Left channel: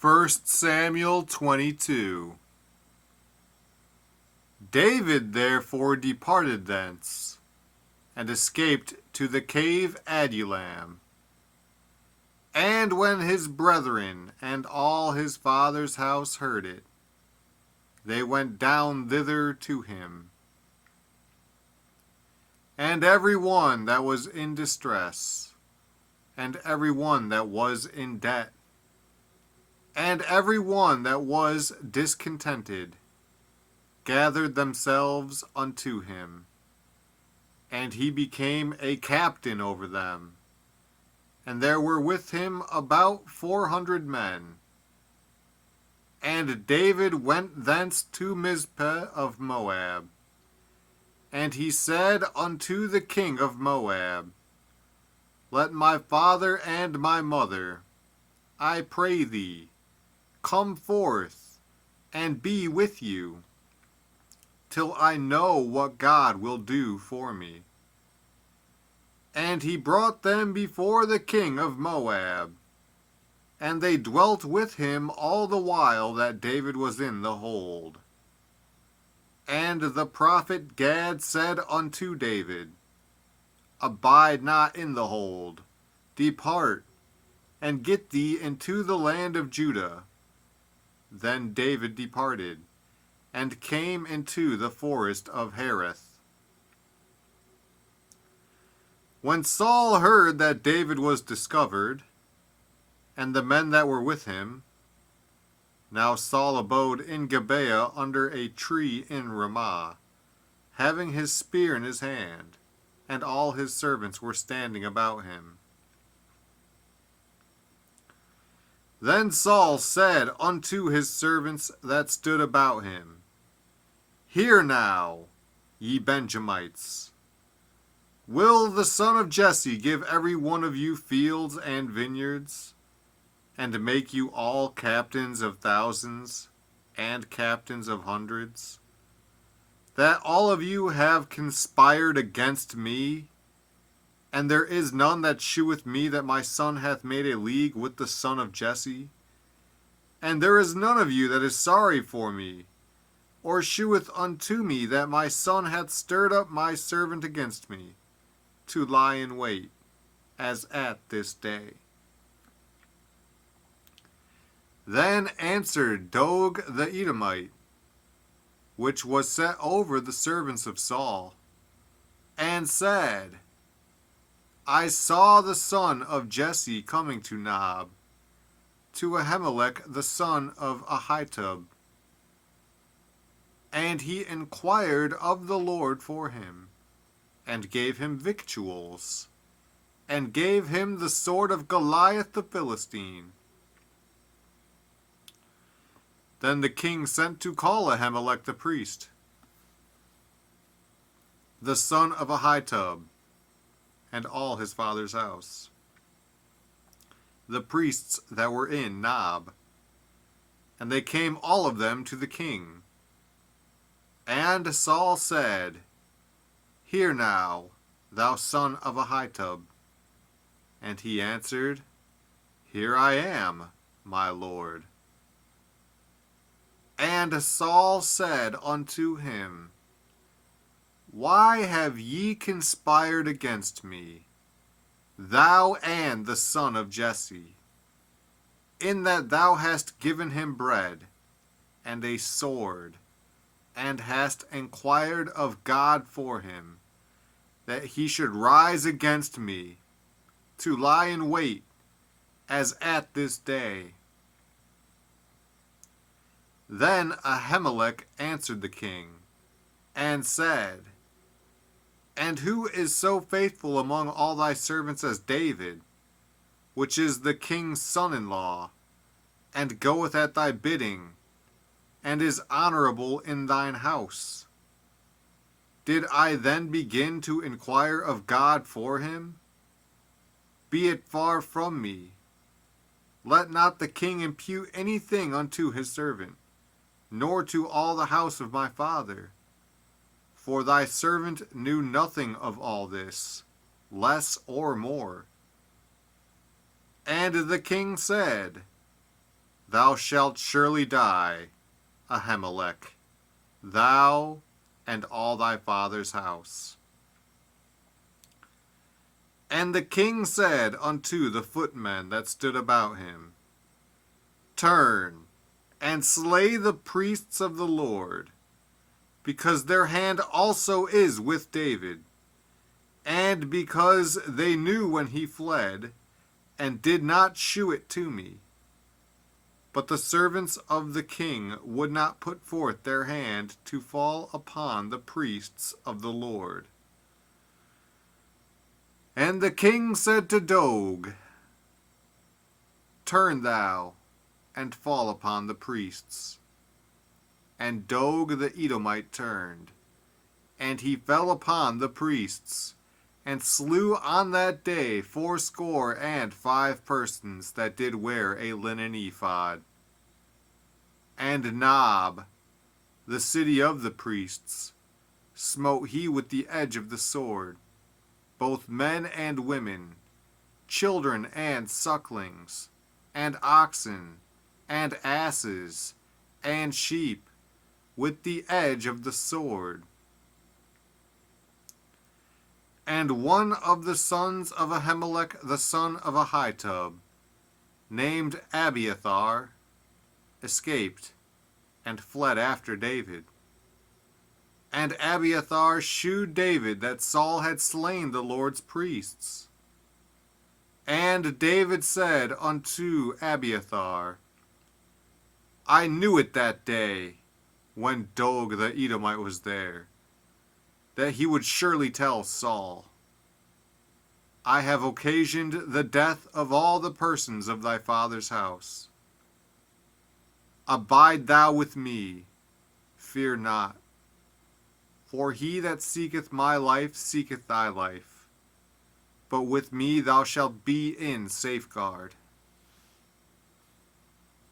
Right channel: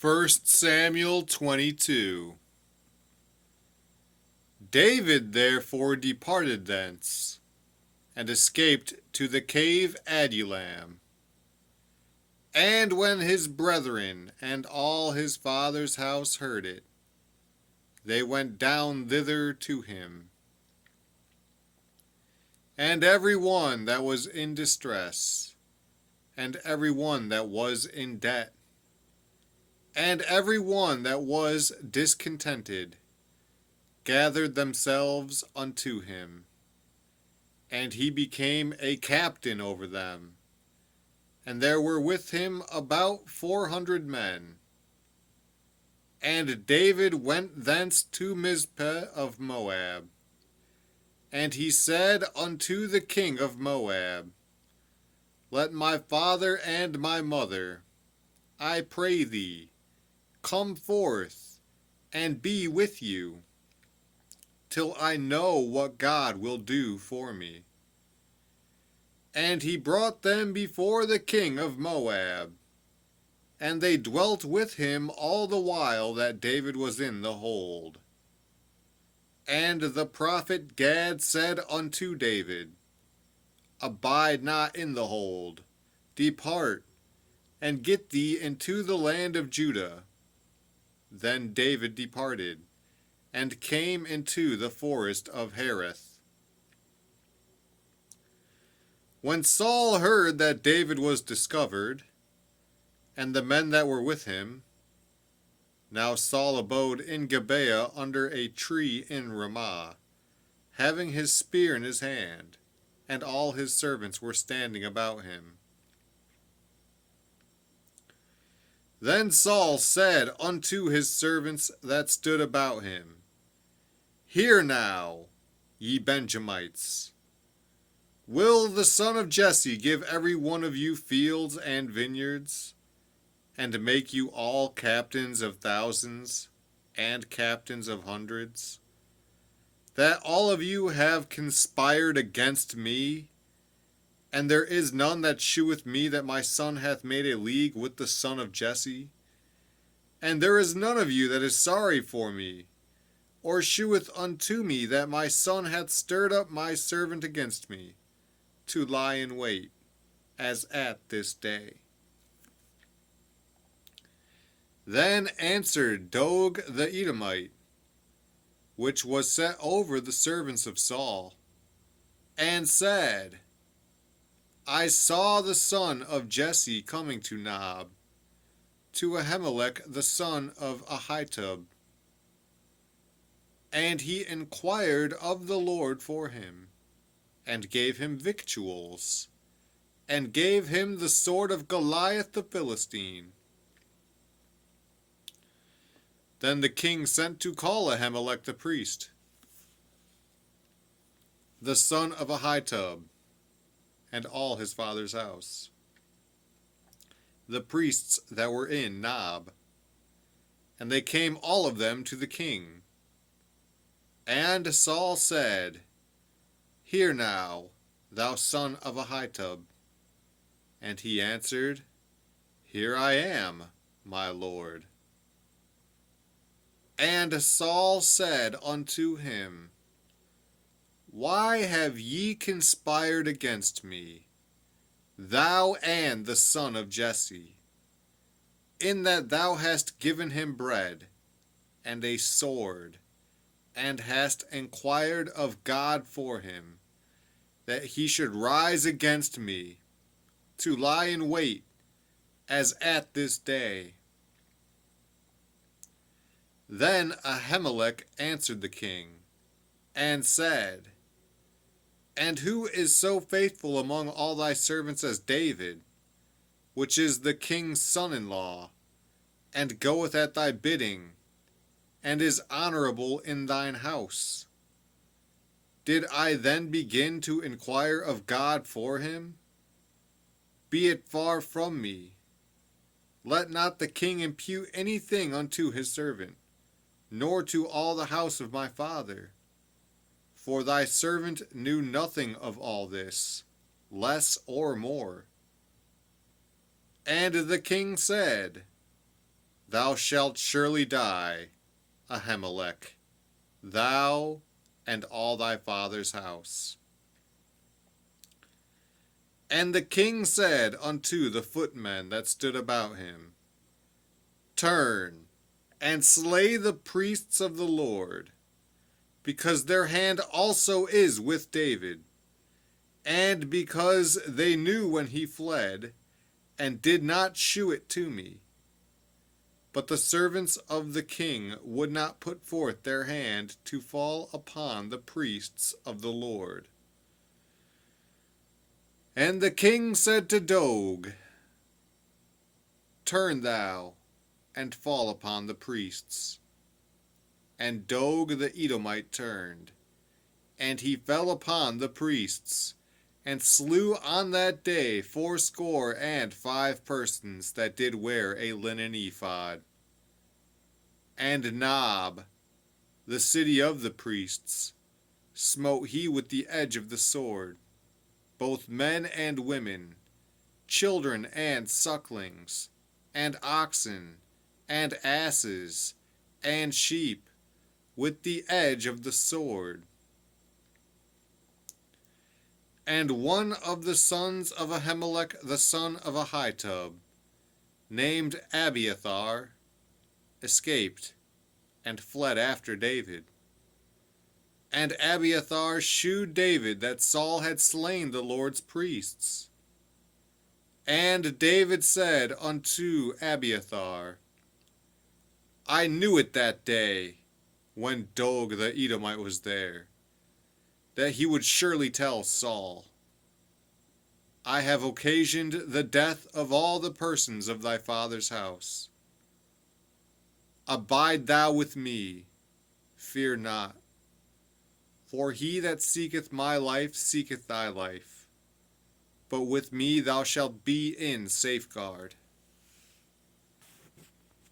1 Samuel 22. David therefore departed thence, and escaped to the cave Adullam. And when his brethren and all his father's house heard it, they went down thither to him. And every one that was in distress, and every one that was in debt, and every one that was discontented, gathered themselves unto him. And he became a captain over them. And there were with him about 400 men. And David went thence to Mizpeh of Moab. And he said unto the king of Moab, Let my father and my mother, I pray thee, come forth and be with you, till I know what God will do for me. And he brought them before the king of Moab, and they dwelt with him all the while that David was in the hold. And the prophet Gad said unto David, Abide not in the hold, depart, and get thee into the land of Judah. Then David departed, and came into the forest of Hereth. When Saul heard that David was discovered, and the men that were with him, now Saul abode in Gibeah under a tree in Ramah, having his spear in his hand, and all his servants were standing about him. Then Saul said unto his servants that stood about him, Hear now, ye Benjamites, will the son of Jesse give every one of you fields and vineyards, and make you all captains of thousands and captains of hundreds? That all of you have conspired against me, and there is none that sheweth me that my son hath made a league with the son of Jesse? And there is none of you that is sorry for me, or sheweth unto me that my son hath stirred up my servant against me, to lie in wait, as at this day. Then answered Dog the Edomite, which was set over the servants of Saul, and said, I saw the son of Jesse coming to Nob, to Ahimelech the son of Ahitub. And he inquired of the Lord for him, and gave him victuals, and gave him the sword of Goliath the Philistine. Then the king sent to call Ahimelech the priest, the son of Ahitub, and all his father's house, the priests that were in Nob. And they came all of them to the king. And Saul said, Hear now, thou son of Ahitub. And he answered, Here I am, my lord. And Saul said unto him, Why have ye conspired against me, thou and the son of Jesse, in that thou hast given him bread and a sword, and hast inquired of God for him, that he should rise against me, to lie in wait, as at this day? Then Ahimelech answered the king, and said, And who is so faithful among all thy servants as David, which is the king's son-in-law, and goeth at thy bidding, and is honorable in thine house? Did I then begin to inquire of God for him? Be it far from me. Let not the king impute anything unto his servant, nor to all the house of my father. For thy servant knew nothing of all this, less or more. And the king said, thou shalt surely die, Ahimelech, thou and all thy father's house. And the king said unto the footmen that stood about him, Turn, and slay the priests of the Lord, because their hand also is with David, and because they knew when he fled, and did not shew it to me. But the servants of the king would not put forth their hand to fall upon the priests of the Lord. And the king said to Doeg, Turn thou, and fall upon the priests. And Doeg the Edomite turned, and he fell upon the priests, and slew on that day 75 persons that did wear a linen ephod. And Nob, the city of the priests, smote he with the edge of the sword, both men and women, children and sucklings, and oxen, and asses, and sheep, with the edge of the sword. And one of the sons of Ahimelech the son of Ahitub, named Abiathar, escaped, and fled after David. And Abiathar shewed David that Saul had slain the Lord's priests. And David said unto Abiathar, I knew it that day, when Doeg the Edomite was there, that he would surely tell Saul, I have occasioned the death of all the persons of thy father's house. Abide thou with me, fear not. For he that seeketh my life seeketh thy life. But with me thou shalt be in safeguard.